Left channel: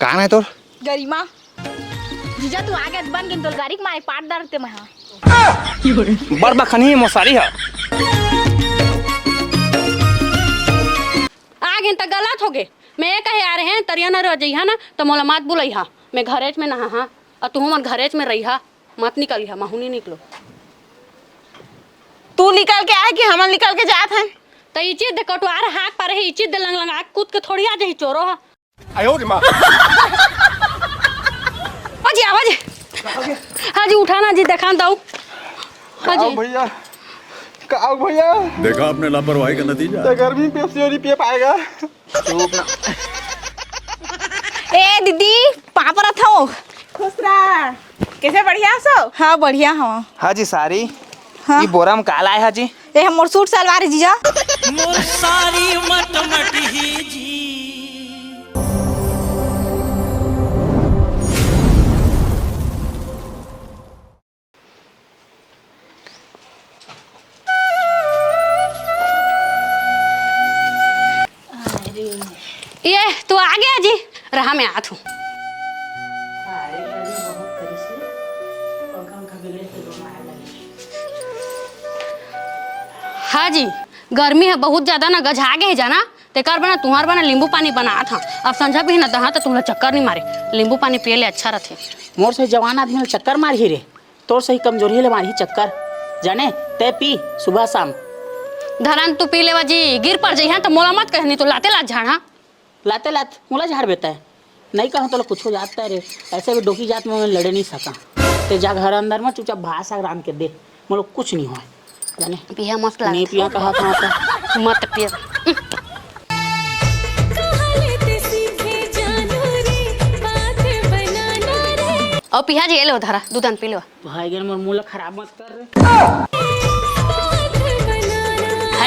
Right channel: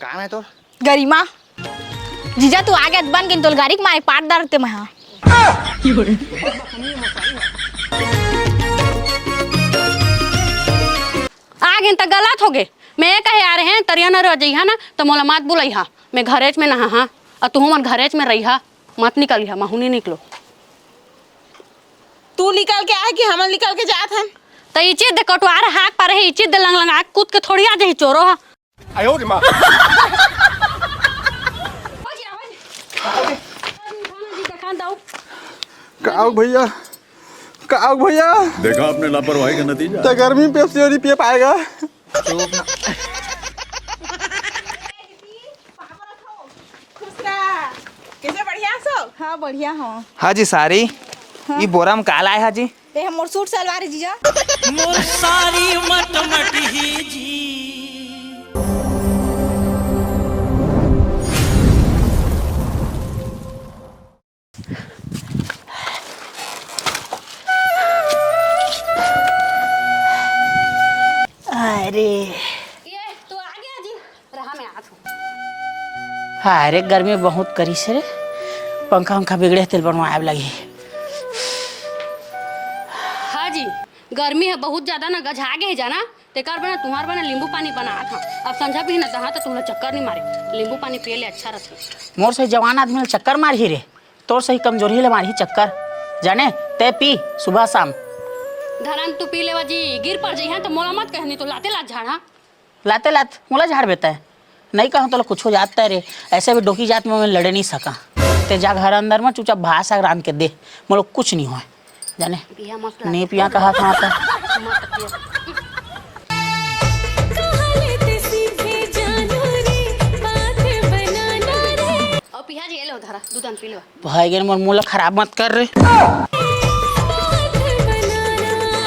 कहाँ है तोर गरिमा जीजा तू आगे बन गिन तोल गाड़ी के मारे पाट डालते मैं बरबा खनी मसारी है आगे तक गलत हो गए। मैं कहे आ रहे हैं तरिया न रह जइहा ना तो मोला मत बुलई हा। मैं घरेज में नहा हा और तू मन घरेज में रही हा मत निकल हा महू निकलो। तू निकल के आए कि हम निकल के जात हैं तो ये चीज दे कटवार हाथ पर है ये चीज दे लंग लंगा कूद के थोड़ी आ जाए चोरो हा। आयो रे मां हाजी आवाज हाजी उठाना जी देखा दो आओ भैया आओ भैया देखा आपने लापरवाही का नतीजा। गर्मी में पेप्सी और पिए पाएगा। ए दीदी पापा था खुश रहा कैसे बढ़िया सो। हाँ बढ़िया हाँ हाजी सारी हाँ। ये बोरा में काला है हाजी ए हम मोर सूट सलवार है जीजा मोर सारी मट ही जी। अरे ये तू आ गया जी रहा मैं आत हूँ। अरे गर्मी बहुत करी से रे पंखा उंखा बिगड़े तेल बनवाए लगी। हाँ जी गर्मी है बहुत ज्यादा ना गझा गए जाना तेकर बना तुम्हार बना नींबू पानी बना था। अब समझा भी ना दहा तो तुम्हें चक्कर नहीं मारे नींबू पानी पिए ले अच्छा रहते। मोर से जवान आदमी चक्कर मारी रे तोर सही कमजोरी ले मारी चक्कर जाने ते पी सुबह शाम। धरन तू पी लेवा जी गिर पड़ जाइए तो मोला मत कहनी तो लाते लात झाड़ा लाते लात मोला झाड़ बेता है नहीं कहूँ तो कुछ हो जाता है रे। ऐसे भी डोकी जात में मैं लड़े नहीं सका ते जा घर अंदर में चुपचाप भाषा रान के दे मोला कुछ नहीं हुआ जाने पिया मत नहीं पिया कहा था मत पिया और पिया जी ले धरा दूधन पी लो भाई गन मोर मुंह खराब मत कर रे।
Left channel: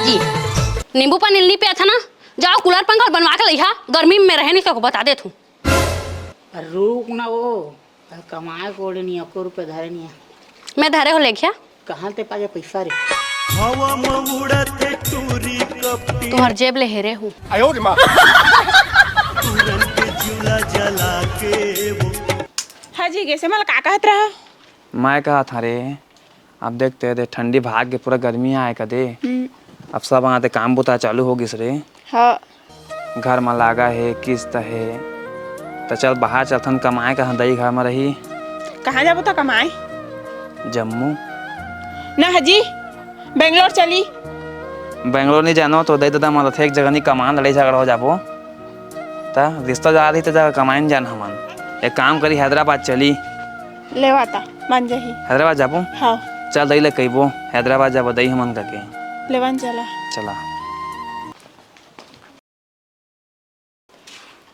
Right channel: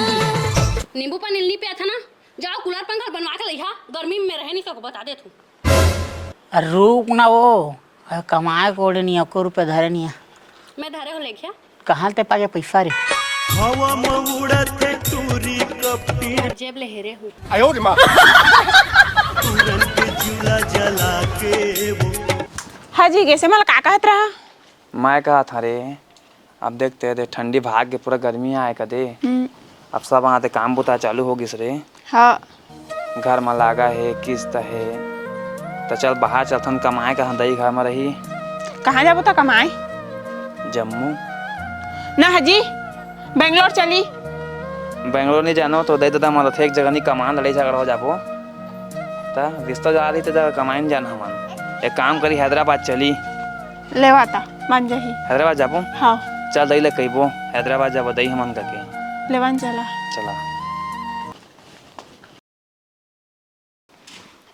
जी नींबू पानी नहीं पिया था ना जाओ कूलर पंखा बनवा के लिया गर्मी में रह नहीं सको बता दे तू। रुक ना वो कमाए कोड़े नहीं आपको रुपये धरे नहीं है मैं धरे हो ले गया कहाँ ते पागे पैसा रे हवा में उड़ते टूरी कपटी तुम्हार जेब ले हेरे हूँ। आयो रे मां तुरंत चूल्हा जला के वो हाँ जी कैसे मला का कहत रहा। मैं कहा था रे अब देखते थे ठंडी भाग के पूरा गर्मी आए कदे अब सब आते काम बुता चालू होगी रे। हाँ घर में लागा है किस्त है तो चल बाहर चलथन कमाए का दई घर में रही। कहाँ जाबो तो कमाए जम्मू ना हाजी बेंगलोर चली। बेंगलोर नहीं जानो तो दई दादा मतलब एक जगह नहीं कमान लड़ाई झगड़ा हो जाबो ता रिश्ता जा रही तो जगह कमाए जान हमन एक काम करी हैदराबाद चली लेवाता मान जाही हैदराबाद जाबो। हाँ चल दई ले कहबो हैदराबाद जाबो दई हमन करके लेवान चला चला।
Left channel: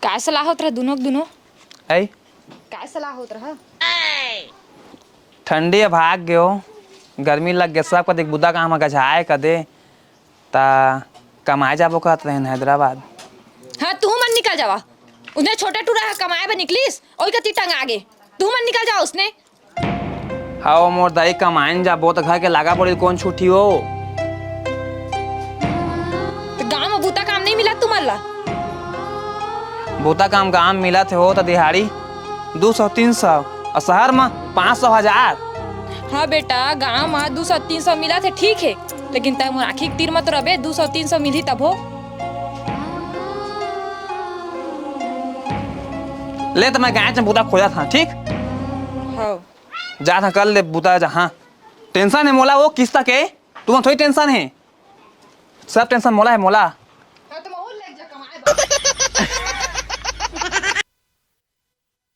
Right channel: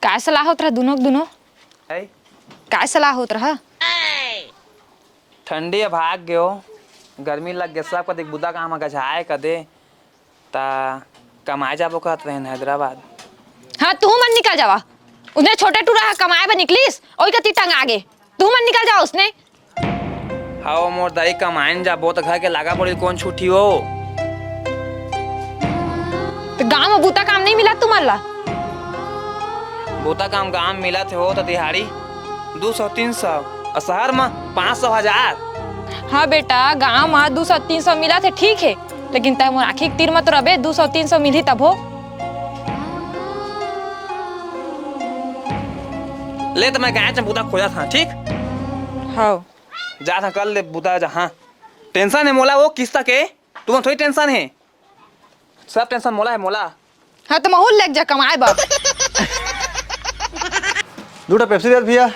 काय सलाह होत रहा दोनों आई काय सलाह होत रहा। ठंडी है भाग गयो गर्मी लग गया सब कदे बुदा काम गझाए कदे ता कमाए जाबो कहत रहे हैदराबाद। हाँ तू मन निकल जावा उधर छोटा टूरा कमाए पर निकलीस और कति टंग आगे तू मन निकल जा उसने। हाँ मोर दाई कमाइन जाबो तो घर के लागा पड़ी कौन छुट्टी हो तो गाँव में बूता काम नहीं मिला तुमन ला। बूता काम काम मिला थे हो तो दिहाड़ी 200-300 और शहर में 500,000। हाँ बेटा गाँव में 200-300 मिला थे ठीक है लेकिन तब आखिर तीर मत रबे 200-300 मिली तब हो ले तो मैं गाय बूता खोजा था ठीक। हाँ जा था कल ले बूता जहाँ टेंशन है मोला वो किस्ता के तुम्हें थोड़ी टेंशन है सब टेंशन मोला है मोला। हाँ तो माहौल लग जा कमाए बा दूटा पेप्सी दे भैया।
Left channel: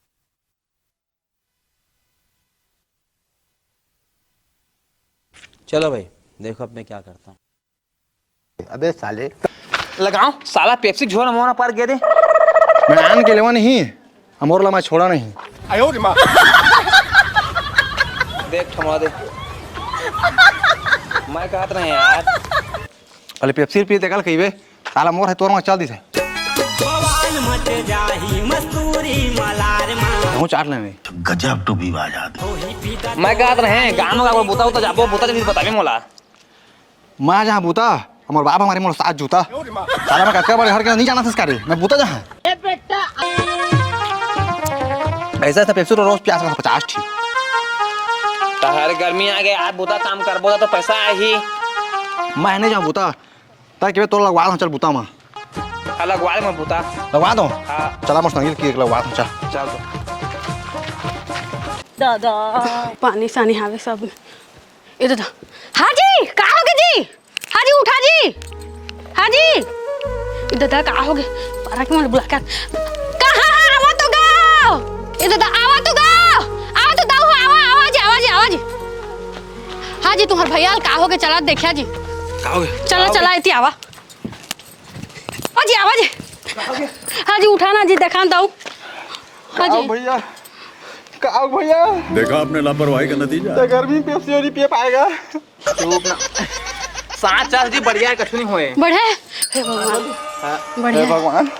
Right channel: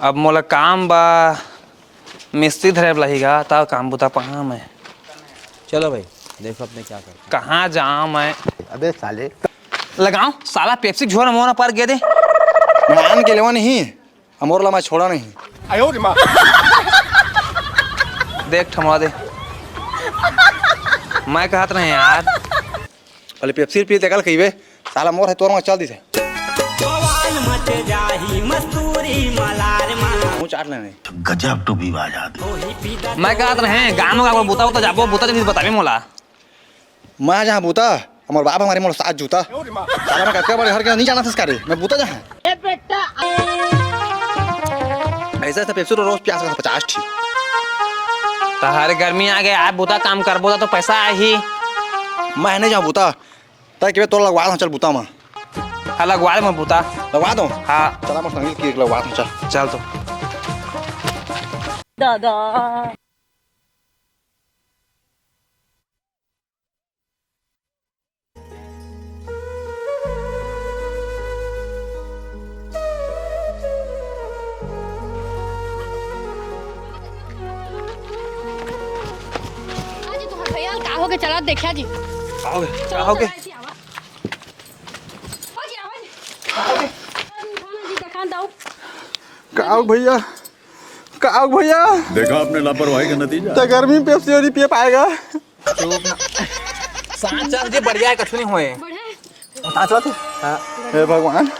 अब मोला काम बा मिस्त्री धरे लहीगा तब काम बुता पहा मैं। चलो भाई देखो अपने क्या करते कहाँ जाऊँ मैं अबे साले लगाऊं साला पेप्सी झोरा मोना पर गे दे मैं आन के लेवा नहीं अमोरला मैं छोड़ा नहीं। आयो रे मां देख थमा दे मैं कहत रहे यार अरे पेप्सी पी देखल कहिबे साला मोर है तोर में चल दी थे बवाल मच जाही मस्तूरी मलार मा मुंह चाट लेने गजब टू भी बाजात ओही पीदा मैं कहत रहे गांव में बुता तो जाबो बुता नहीं बताबे मोला मैं जहाँ बूता हमारे बाप हमारे मोर साथ जूता साला मैं कच्चा बड़े हर के नहीं जाना था इसका रे मैं बूता जहाँ ए बेटा ऐसा था पेप्सी रोज प्यास का 50 थी। हर गर्मी आ गए आप बुता काम करबो तो पैसा आही। मैं नहीं जाऊँ बुता ताकि के तो लगवा दूँ चल बुता माँ अलग वाल में बुता लगवा दूँ। हाँ चला मस्त नहीं कि लगवा दूँ चल चल तो दादा पानी सानी हावे सब ये दादा। हाँ जी कहाँ हो गए जी? हाँ जी उठा जी। हाँ जी दादा कहाँ हो गए? पारा के मुझे बुला कर कहाँ आवा तो गाओ ये दादा आवा तो गाओ आवा तो दाओ आवा आवाज आवाज आवाज। हाँ जी तुम्हारे भैया कहाँ हो गए? चला देखिया जी चला चला इतनी आवा जी आवाज। हाँ जी उठाना जी देखा दाऊ। हाँ जी भैया का भैया देखा आपने लापरवाही का नतीजा। गर्मी पेप्सी नहीं पी पाएगा। सांस चल जी बढ़िया कछु नहीं होए बढ़े हे भगवान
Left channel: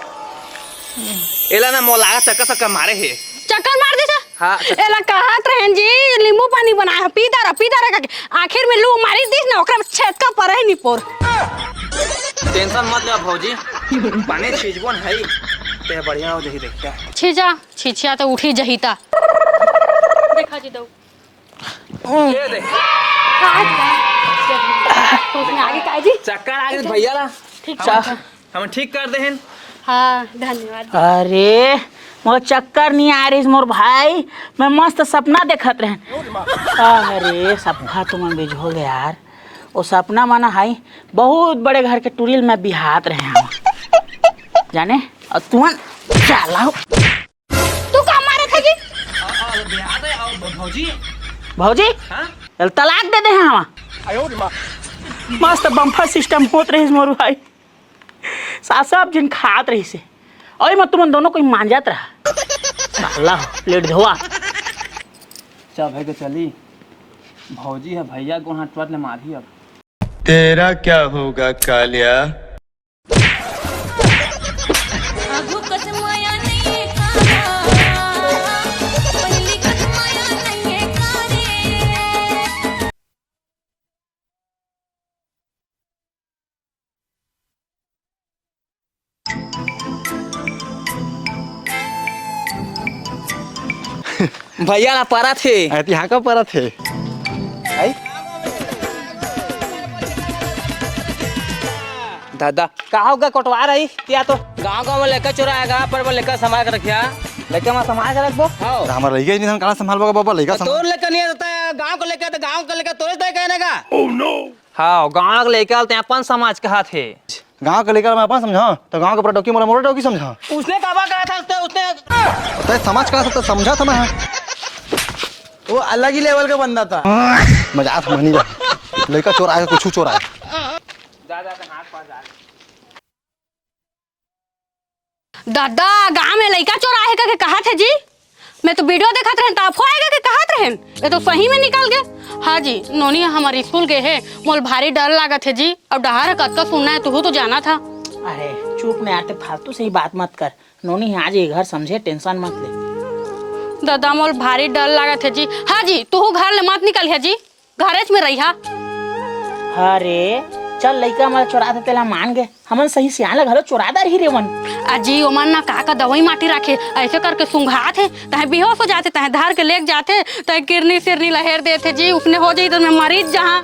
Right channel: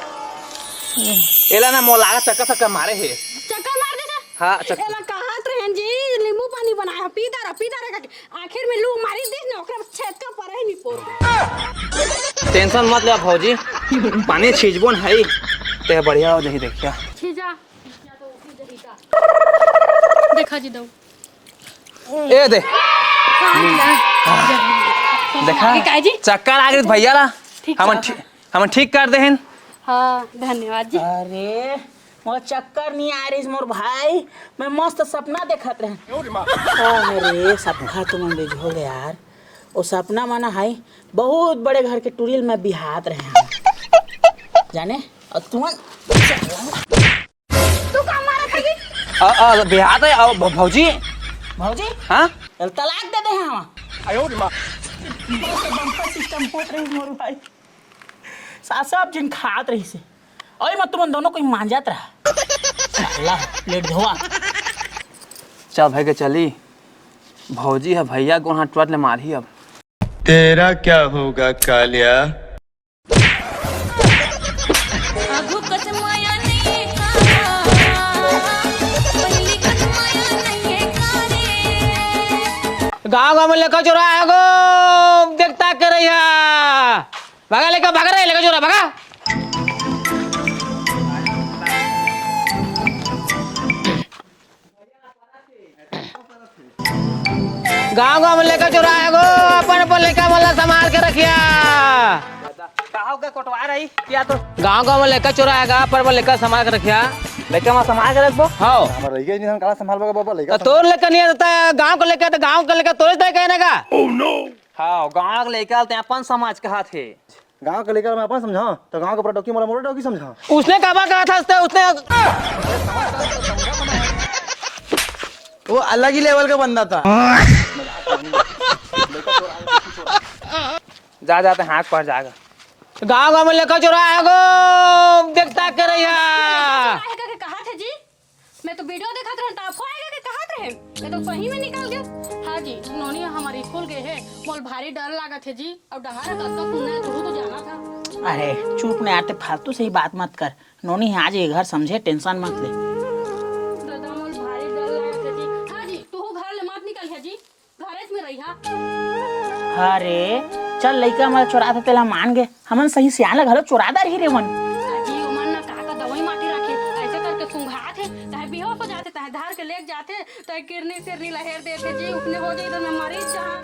एला ना मोला चक्कर मारे है। चक्कर मार दे सा। हाँ एला कहत रहन जी नींबू पानी बनाया पीता रहा आखिर में लो मारी दिस ना ओकरा छेदका पर ही नहीं पोर। टेंशन मत लो भौजी पानी छीजबो न है ते बढ़िया हो जही देखिया। छिछिया तो उठी जहीता देखा जी दऊ ए दे देखा काय जी चक्कर आ गए भैया ला हम ठीक कर दे हैं। हाँ धन्यवाद जी। अरे मोर चक्कर नहीं आ रही मोर भाई मैं मस्त सपना देखत रहे। अरे सपना तो मन बिझो गया यार। वो सपना माना है बहुत बड़े घर के टूरिल में बिहात रहे हम जाने और तुम चला तू कहाँ मारा था जी? बिहार है आओ भौजी भौजी हाँ तलाक दे दे हम मस्त बम्फर सिस्टम होत रही मोर भाई सब जिन खात रही से और मैं तुम दोनों को मांजत रहा साला लेट धोआ। चल भाई के चली भौजी है भैया को हाथ टूट ले मारी अब। तेरा क्या होगा कालिया? गाँव गाँव में लेकर चोरा है गो देखता कर रही है भागा लेकर भाग रहे लेकर चोरा भागा। भैया ना परा थे यहाँ का परा थे। गाँव गाँव में लेकर चोरा है गो अपन लेकर वाला संभाल के रखिया। दादा कहा होगा कटवा रही या तो गांव गांव में लेकर चुराएगा पर लेकर संभाल के रखिया लेकर मैं संभाल के रखबो। हाँ हमारा लइका नहीं हम काला संभालबा बाबा लइका तोर लेकर नहीं रहता है गांव को लेकर तो गांव को लेकर तोरे तय कहने का। ओह नो हाँ गांव को लेकर आते अपन समाज कहा थे गांव का लेकर मैं अपन समझा तो गांव का पूरा डोकी मोरा डोकी समझा। उसने कहा था उसने समाज का तो समझा था मैं वो अलग ही लेवल का बंदा था। मजाक नहीं लइका चोर आएगा कुछ चोर आएगा जा जाते हाथ पर जाएगा। गाँव गाँव में लेकर चोरा है गो दादा गाँव में लड़का चोरा है करके कहा थे जी? मैं तो वीडियो देखा रहे ताफो आएगा के कहा रहे ये तो सही में निकल गए। हाँ जी नोनी हमारे स्कूल के है मोल भारी डर लगा थे जी अब डहार कत्ता सुनना है तू तो जाना था। अरे चुप नहीं आते फालतू से ही बात मत कर नोनी आज ये घर समझे टेंशन मत ले। दादा मोल भारी डर लगा थे जी। हाँ जी तू घर ले मत निकल है जी घरेच में रही। अरे चल लइका हमारा चोरा था तेला मान गए हमन सही सियाला घर चोरादा रही रे मन अजी ओमन ना का दवाई माटी रखे ऐसे करके सुंघा थे तहे बेहोश हो जाते तहे धार के लेक जाते तहे किरनी सिरनी लहर देते जी उसने हो जाई तो मैं मरीज जहां।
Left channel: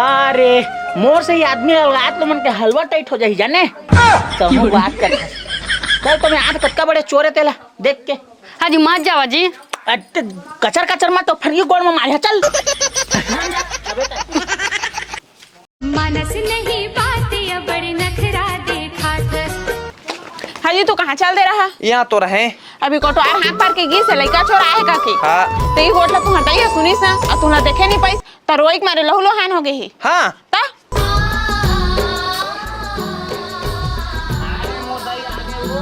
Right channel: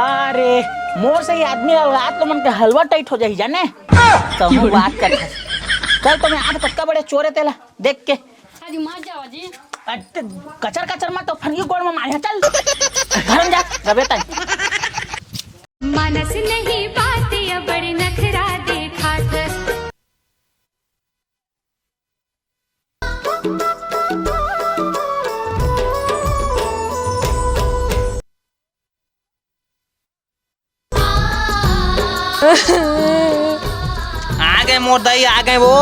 अरे मोर से ही आदमी औलाद तो मन के हलवा टाइट हो जाई जाने तो बात कर चल तो मैं आज पक्का बड़े चोरे तेला देख के। हाँ जी मत जावा जी कचर कचर मत तो फरियो गोड़ में मार चल घर जा जबे तक मनस नहीं बातें बड़ी नखरा देखा हाँ जी तू कहाँ चल दे रहा? यहाँ तो रहे अभी कोटो आए हाथ पार के गिर से लइका छोड़ा है का थी। हाँ ते होटल तू हटाई सुनी सा और तू ना देखे नहीं पाई त रोइक मारे लहू लोहान हो गई हाँ ता आ गए मोर दई आ गए वो।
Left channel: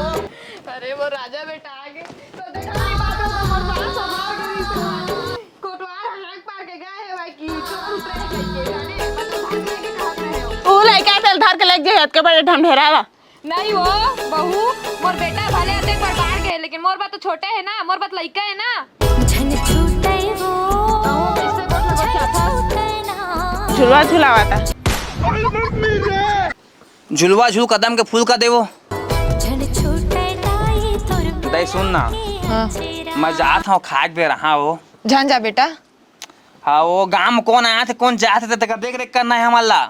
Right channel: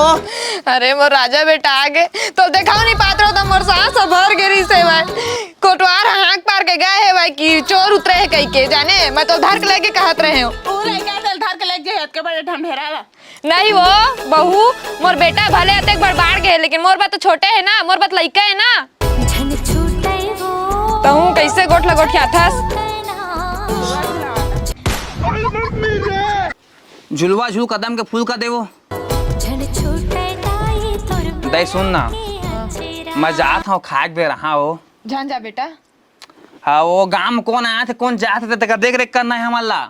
अरे मोर राजा बेटा आ गए तो देखाओ नहीं पात्र तो मोर सांस भर गिरी से मैं कोटवार हाथ पार के गए है भाई कि चोर उतरे है कहीं के जाने मैं तो धर के लेके कहत रहे हो तू लइका चल धर के लग गई हत के बड़े ढमढेरा नहीं वो बहू मोर बेटा भले अते बड़बाड़ के है लेकिन मोर बात तो छोटे है ना मोर बात लइका है ना झन छूटे वो तो हूं कैसे गोठ लगोठ के आथस झुलवा झुलावाता झुलवा झुल कदम के फूल का देवो झन छूटे ताई तोर दई सुन ना मैं जात हूँ खाक दे रहा हो। जान जा बेटा। हाँ वो गांव में कौन आया थे कौन जाते थे तक देख रेख करना है हमारा।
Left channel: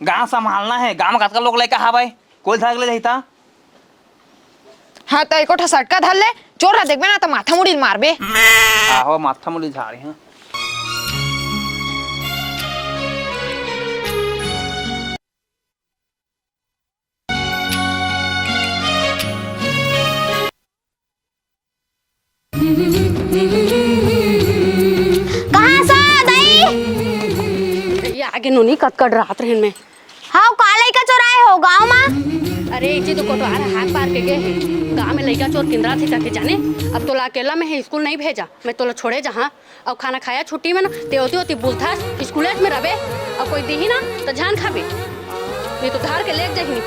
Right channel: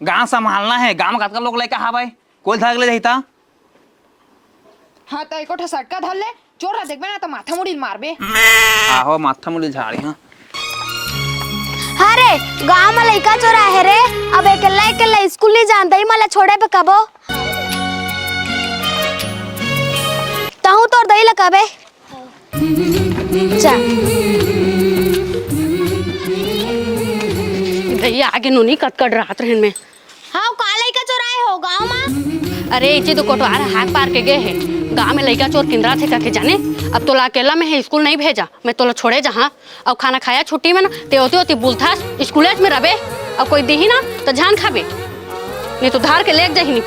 गांव संभालना है। गांव में कतका लोग लेके हाँ भाई कोई धाग ले जाता। हाँ तो एको ठा सटका धर ले चोर रहा देखबे ना तो माथा मुड़ी मारबे। आहो माथा मुड़ी झाड़ी हाँ। अरे गांव में लइका चोरा है रे। अब अकेला स्कूल नहीं जानता ही मला छोड़े पे कबो ताहू तोर दई लकाबे कहां सा दई ये आगे नोनी कटकट रात रहन में। हाँ कहां लइका चोराए हो गांव में। अरे इचे तो कोटवार हाथ पार के गए हैं। गांव में लइका चोर किंदरा थे कके जाने। अब तोला अकेला में है स्कूल नहीं भेजा। मैं तोला छोड़े जहाँ अब खाना खाया छुट्टी में ना ते होती बुलथा स्कूल में रहे। अब कोई दी ना तो जान खाबे नहीं तो धार के ले जा ही नहीं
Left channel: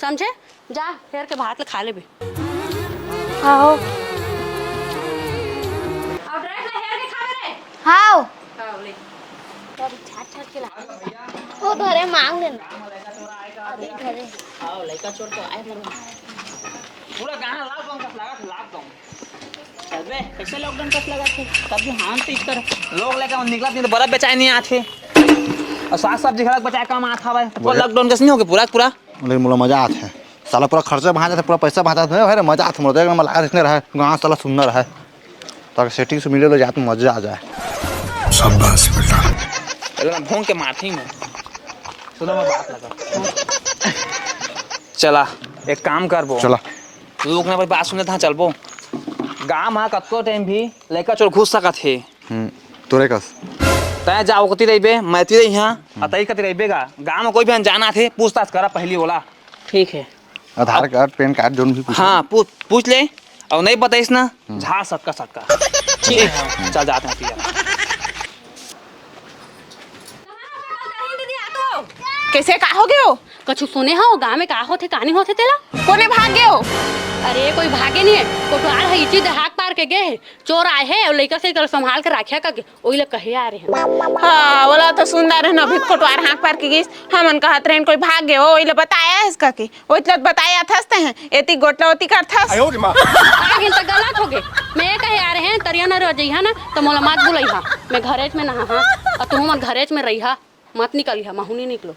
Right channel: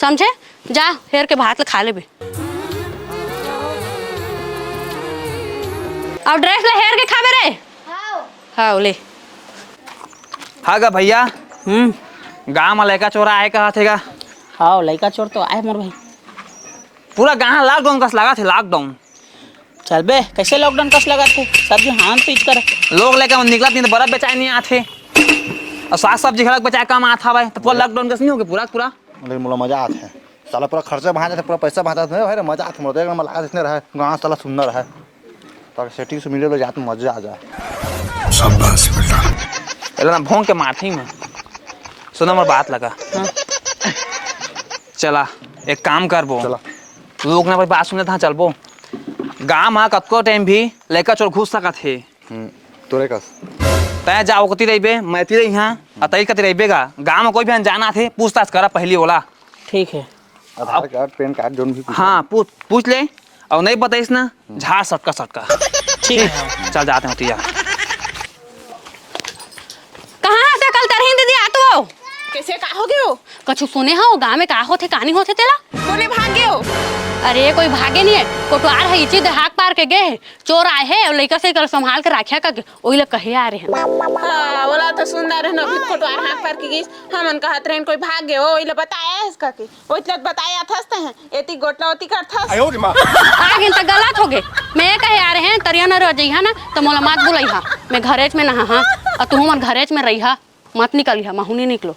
समझे। जा हेर के भात खा ले। अब ड्रेस ले हेर के खाबे रे। हाँ हाँ ले हाँ गा भैया गांव में लड़का चोरा आए कहा थे गा। हाँ लड़का चोर तो आए मोर भाई। पूरा गांव लॉकडाउन कस लगा थे लॉकडाउन। चल बे कैसे लॉकडाउन कस लगा थे सब्जी हाथ पीच कर लोग लेकर निकला नहीं तो बर्फ बेचाए नहीं आते और साग सब्जी खड़क बचाए कम आता भाई। पूरा लॉकडाउन कस नहीं हो गया पूरा पूरा। लेकिन मुझे मजा आता है साला पूरा खर्चा बहा जाता पूरा पैसा बहा जाता है मजा आता मुझे एकदम लगा इसने रहा गाँव साला सुंदर है ताकि सेटिंग से मिले तो जाते मजा आ जाए। शाबाश बेटा। पहले ना भोंग के मारती मैं सुना मैं बात लगा। चला एक काम कर बो चला लोग ना बात सुने था चल बो गाँव में कतको टाइम भी लड़का चोर घुस सका थे। तोरे कस तय जाओ कती रही मैं ती रही हाँ अतई कती रही गा गाँव में कोई भी अनजाना थे पूछताछ करा पहली वाला। ठीक है आधार कार्ड पैन कार्ड जो भी हाँ पूछ ले और नहीं बताइस ना झाड़ सबका सबका। ठीक है चल जाते हैं तिया। कहाँ से कल तरही दीदी आतो हो कैसे का हो गए हो? कछु सुने हो गाँव में का होते कहानी होते तेला। कोने भाग गए हो? अरे कोई भागे नहीं है कोटवार है इसी हाथ पार के गए हैं चोर आए हैं और लड़का से कल संभाल के रखा करके वही लोग कहे आ रहे हैं। हाँ बोला तो सुंदर है ना अभी कोटवार हाथ पार के गिस हमन कहत रहे कोई भाग गए हो वही लोग बताया है इसका के वही लोग बताया थसते हैं एती गोटला ओती कर थस। लेकिन तो गलत हो गए। मैं कहे आ रहे हैं तरिया न रह जइहा ना तो मोला मत बुलइहा। मैं घरेज में नहा हाँ और तुम मत घरेज में रहिहा मत निकलिहा माहुनी निकलो।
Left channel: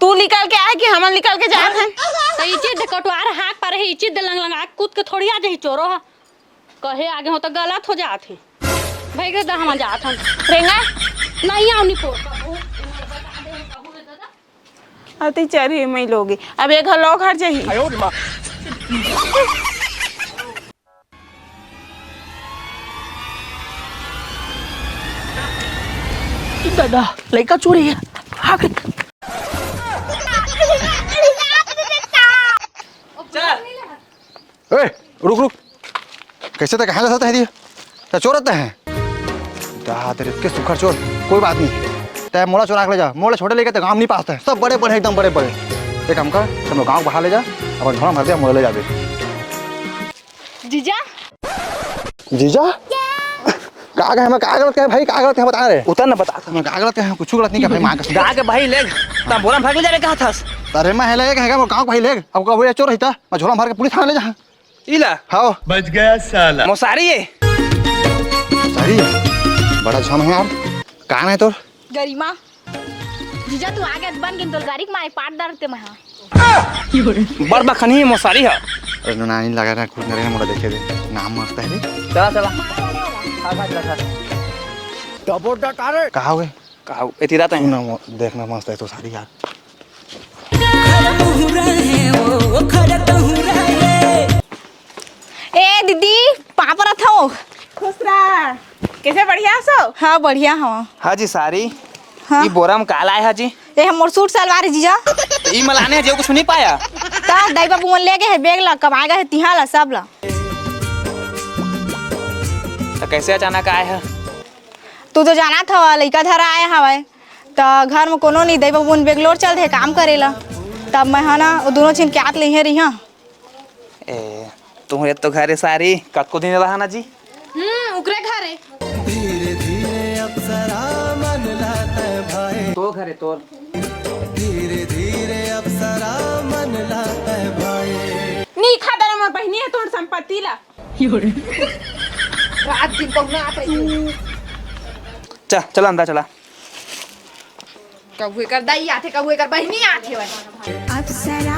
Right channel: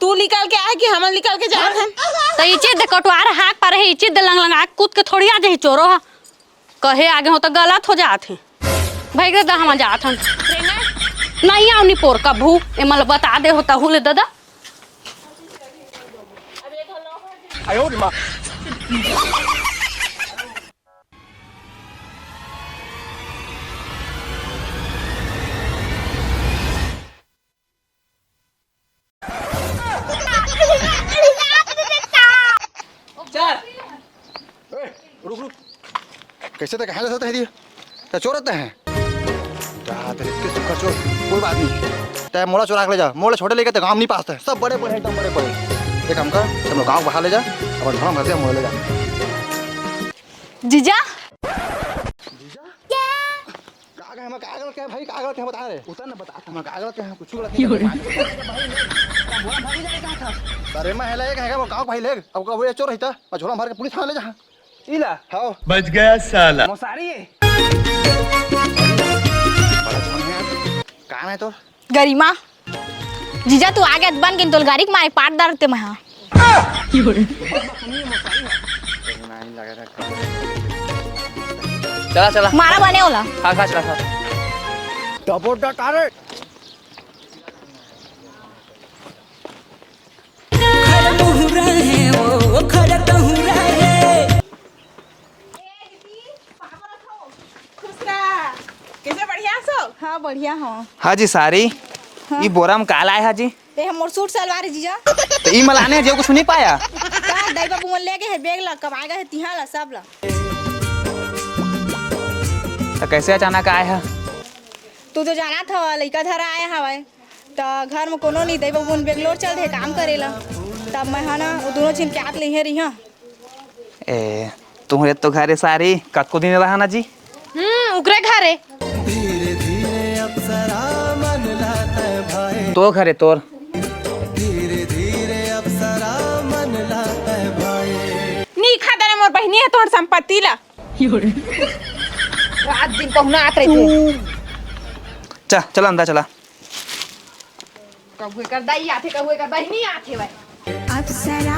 तू निकल के आए कि हम निकल के जाए हैं तो इचे दे कटवार हाथ पर है इचे दे लंग लंगा कूद के थोड़ी आ जाए चोरो हा कहे आगे हो तो गलत हो जात है भाई के दा हम जात हम रेंगा नहीं आनी पोर का भू ए मल बता दे होता हुले दादा। अति चरी मैं लोगे अब एक घर लोग हट जाही। दादा लड़का चोरी है हाँ रुक रुक कैसे तक कहाँ जाता है क्या चोर रहते हैं इतने सुखा चोर कोई बात नहीं तय मोड़ा चोरा ले जा मोड़े छोटे लेके तो गाँव नहीं पाते सब बड़े बड़े एकदम बड़े बड़े एक हमको हम लोग गाँव बाहर ले जा अब धोना भर दिया मोड़े ले जा जीजा जीजा कहाँ गए हमें कहाँ गलत क्या भाई कहाँ गलत है बता रहे उतर ना बता हमें कहाँ गलत है कुछ गलत नहीं कर माँ गा के भाई ले तब बोला भाग जा रे कहां था। अरे मैं है लेके है वो गाँव भाई ले अब का चोर रहता मैं झोला मार के पुलिस थाने ले जा इला हाँ बच गया साला। मोसारी है बड़ा छन है यार कहाँ है तोर गरिमा जीजा तू आगे बन गिन तोल गाड़ी मारे पाट दारते मैं हां बर बखनी मोसारी है। अरे नहीं लगा ना कुछ करे मोड़ा देखे नाम मस्त है चला चला मारा बने होला खा चला डबो डटारे कहाँ हुए कहा इतनी रात है ना देखना मस्त है तो सारी यार ए दीदी पापा रहा था खुश रहा कैसे बढ़िया सो? हाँ बढ़िया हाँ हाँ जी सारी ये बोरा में काला है जी ए हमर सूट सलवार जीजा तो ई मलाने जो कुछ नहीं पाया ता दाई बाबू मन लेके है बैग ला कब आएगा है तिहा ला सब ला तो कैसे अचानक आए हैं तू तो जाना था लड़का धरा आया हवा तो घर में कोनो नहीं दाई बाबू बेंगलोर चल थे काम करेला तब मैं है ना वो दोनों चिन के आत ले रही हाँ ए तुम्हें तो घरे सारी कतको दिन रहा ना जी उकरे घरे धीरे धीरे अप्सरा मन लाता है भाई तो घरे तोर धीरे धीरे अप्सरा मन लाता है भाई नी खादर मोर बहनी है तोहर संपत्ति ला रात दिन पहुना आत रही थे चलो अंदर चला कबू कर दाई आथे कबू कर बहनी आथे भाई अप्सरा